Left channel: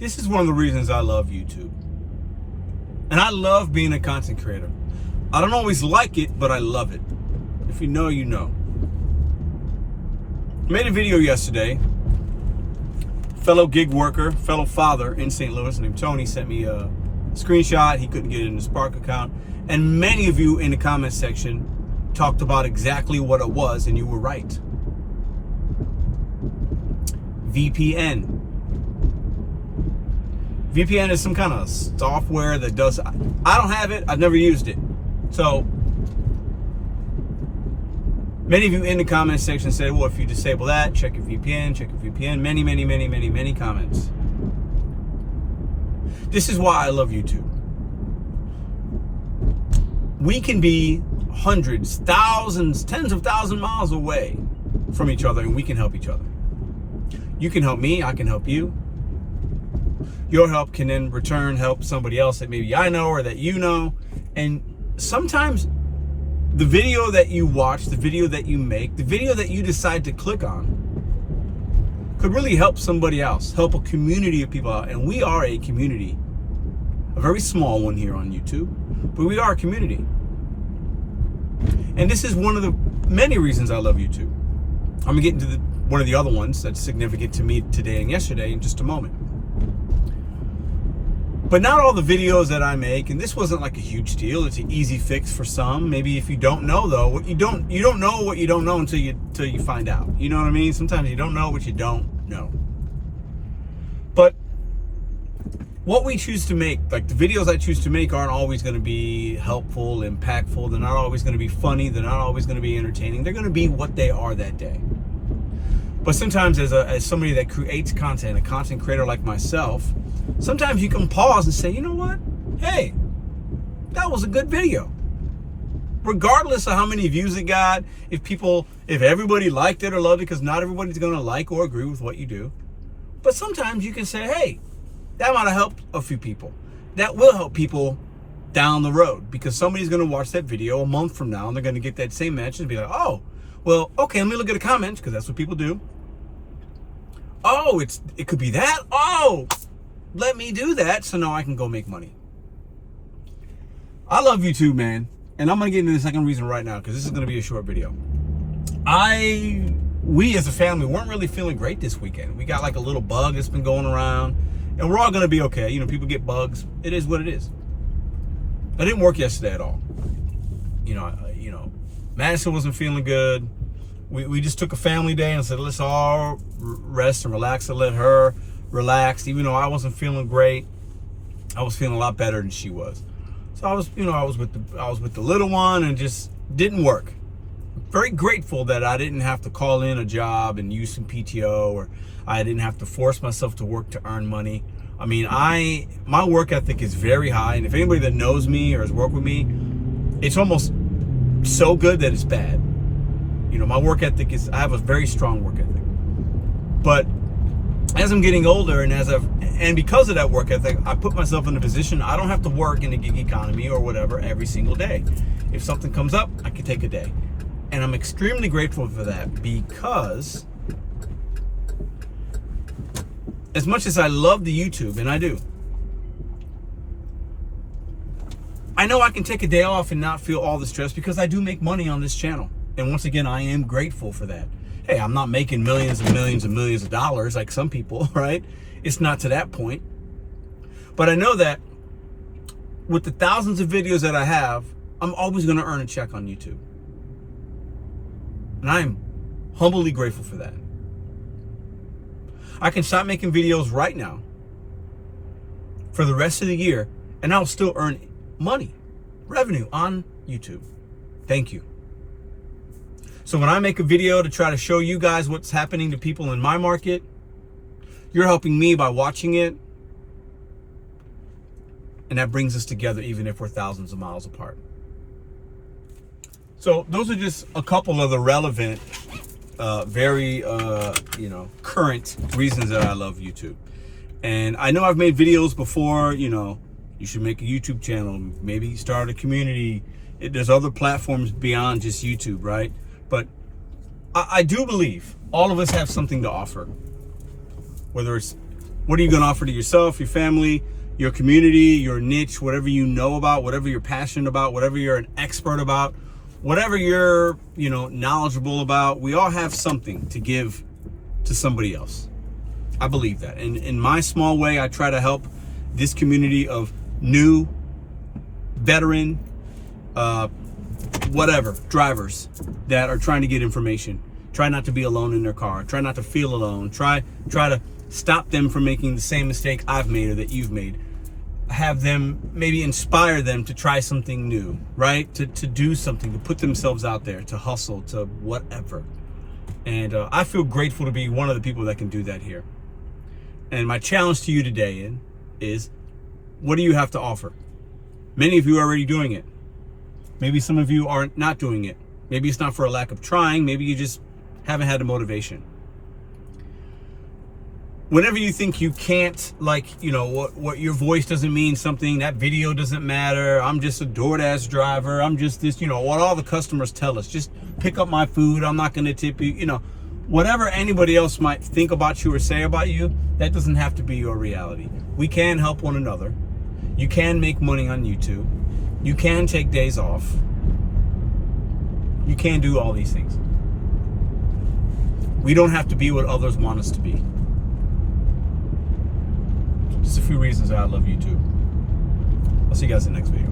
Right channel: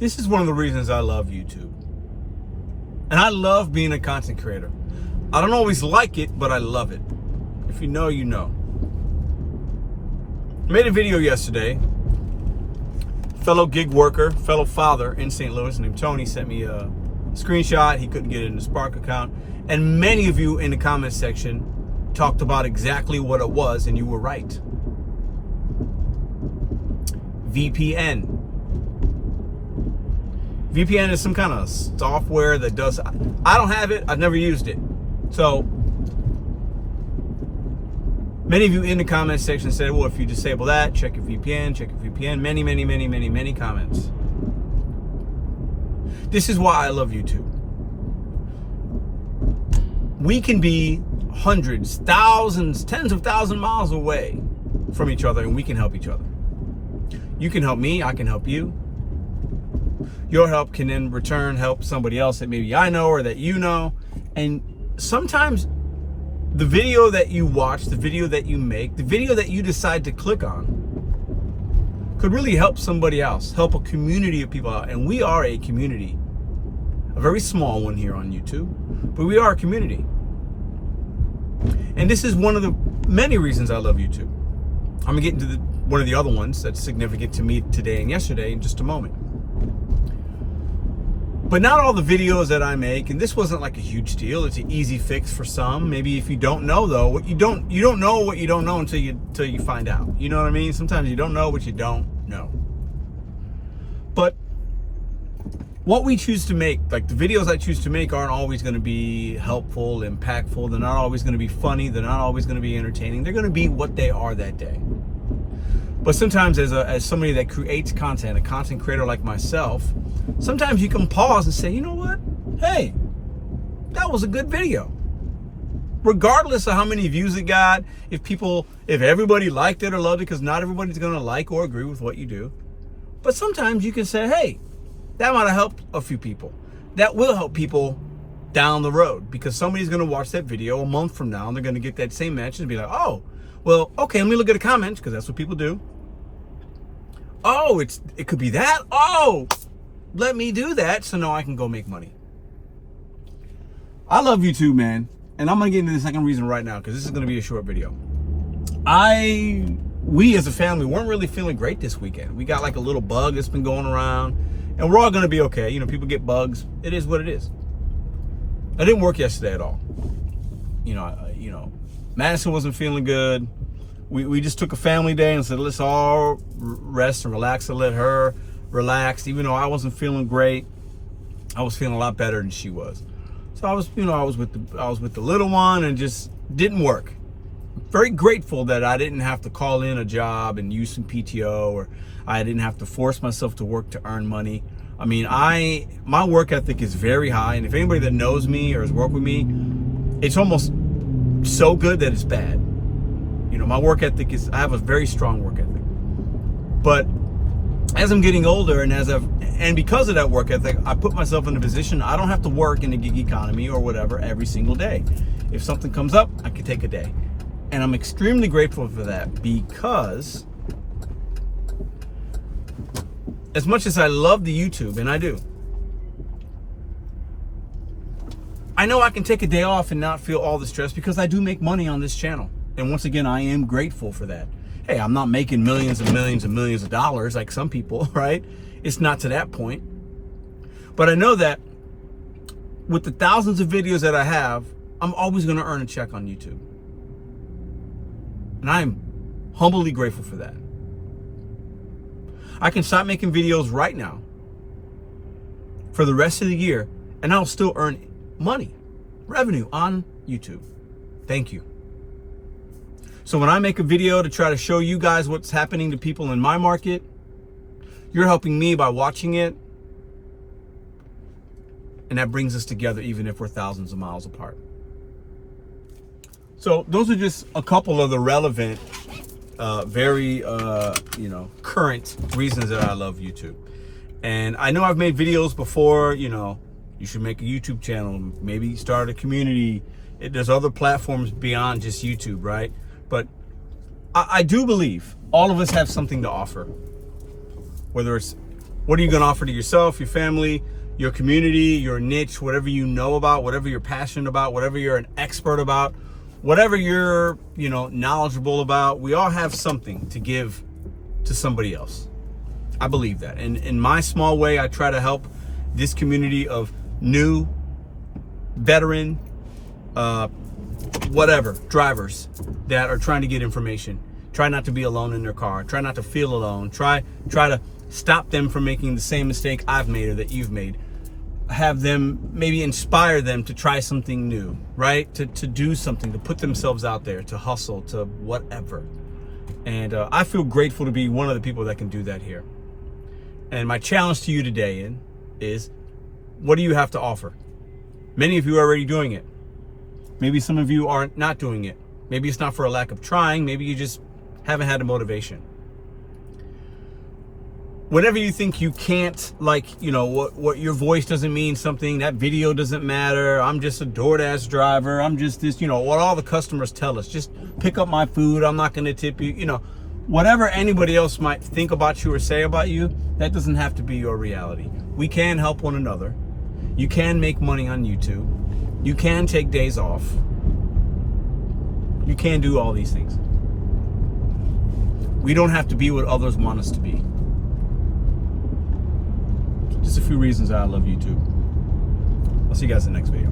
This is one of the reasons I love YouTube. And I love being a content creator. I don't always like it, but I love it. If you know, you know. I made a video yesterday. Fellow gig worker, fellow father in St. Louis named Tony sent me a screenshot. He couldn't get it in the Spark account. And many of you in the comment section talked about exactly what it was, and you were right. VPN. VPN is some kind of software that does, I don't have it, I've never used it. So, many of you in the comment section said, well, if you disable that, check your VPN, check your VPN. Many comments. This is why I love YouTube. We can be hundreds, thousands, tens of thousands of miles away from each other, and we can help each other. You can help me, I can help you. Your help can in return help somebody else that maybe I know or that you know. And sometimes the video that you watch, the video that you make, the video that you decide to click on could really help somebody else, help a community of people out. And we are a community, a very small one here on YouTube, but we are a community. And this is one of the many reasons I love YouTube. I'm gonna get into one of the other ones that's significant to me today and yesterday in just a moment. But not all the videos that I make, and this wasn't like a huge deal. It's an easy fix for some. Maybe if you don't know though, what you don't know what you don't know until you find out. You know what I mean? Sometimes you don't know what you don't know. But what we choose to make, like the videos I choose to make, aren't always going to be helpful, impactful. They're not always going to be funny. They're not always going to be entertaining. They're going to be what they are that day. But sometimes as somebody that creates content, a content creator like myself, sometimes you can pause and say, you know what? Hey, that was a good video. Regardless of how many views it got, if everybody liked it or loved it, because not everybody's going to like or agree with what you do. But sometimes you can say, hey, that might have helped a few people. That will help people down the road, because somebody's going to watch that video a month from now and they're going to get that same message and be like, oh, well, okay, let me look at the comments, because that's what people do. Oh, it could be that. Oh, let me do that so now I can go make money. I love YouTube, man. And I'm going to get into the second reason right now, because this is going to be a short video. We as a family weren't really feeling great this weekend. We got like a little bug that's been going around, and we're all going to be okay. You know, people get bugs. It is what it is. I didn't work yesterday at all. You know, Madison wasn't feeling good. We just took a family day and said, let's all rest and relax and let her relax. Even though I wasn't feeling great, I was feeling a lot better than she was. So I was with the little one, and just didn't work. Very grateful that I didn't have to call in a job and use some PTO, or I didn't have to force myself to work to earn money. I mean, my work ethic is very high, and if anybody that knows me or has worked with me, it's almost so good that it's bad. You know, my work ethic I have a very strong work ethic. But as I'm getting older, and because of that work ethic, I put myself in a position I don't have to work in the gig economy or whatever every single day. If something comes up, I can take a day. And I'm extremely grateful for that, because as much as I love the YouTube, and I do, I know I can take a day off and not feel all the stress, because I do make money on this channel. And once again, I am grateful for that. Hey, I'm not making millions and millions and millions of dollars like some people, right? It's not to that point. But I know that with the thousands of videos that I have, I'm always going to earn a check on YouTube. And I'm humbly grateful for that. I can stop making videos right now for the rest of the year, and I'll still earn money, revenue on YouTube. Thank you. So when I make a video to try to show you guys what's happening to people in my market, you're helping me by watching it. And that brings us together, even if we're thousands of miles apart. So those are just a couple of the relevant, very current reasons that I love YouTube. And I know I've made videos before, you should make a YouTube channel, maybe start a community. There's other platforms beyond just YouTube, right? But I do believe all of us have something to offer, whether it's What are you going to offer to yourself, your family, your community, your niche, whatever you know about, whatever you're passionate about, whatever you're an expert about, whatever you're, knowledgeable about? We all have something to give to somebody else. I believe that. And in my small way, I try to help this community of new, veteran, drivers that are trying to get information. Try not to be alone in their car. Try not to feel alone. Try to stop them from making the same mistake I've made or that you've made. Have them, maybe inspire them to try something new, right? To do something, to put themselves out there, to hustle, to whatever. And I feel grateful to be one of the people that can do that here. And my challenge to you today is, what do you have to offer? Many of you are already doing it. Maybe some of you are not doing it. Maybe it's not for a lack of trying. Maybe you just haven't had the motivation. Whenever you think you can't, what your voice doesn't mean something, that video doesn't matter, I'm just a DoorDash driver, I'm just this, what all the customers tell us, just pick up my food, I'm not going to tip you, whatever anybody else might think about you or say about you, that doesn't have to be your reality. We can help one another. You can make money on YouTube. You can take days off. You can do all these things. We don't have to be what others want us to be. Just a few reasons I love YouTube. I'll see you guys in the next video.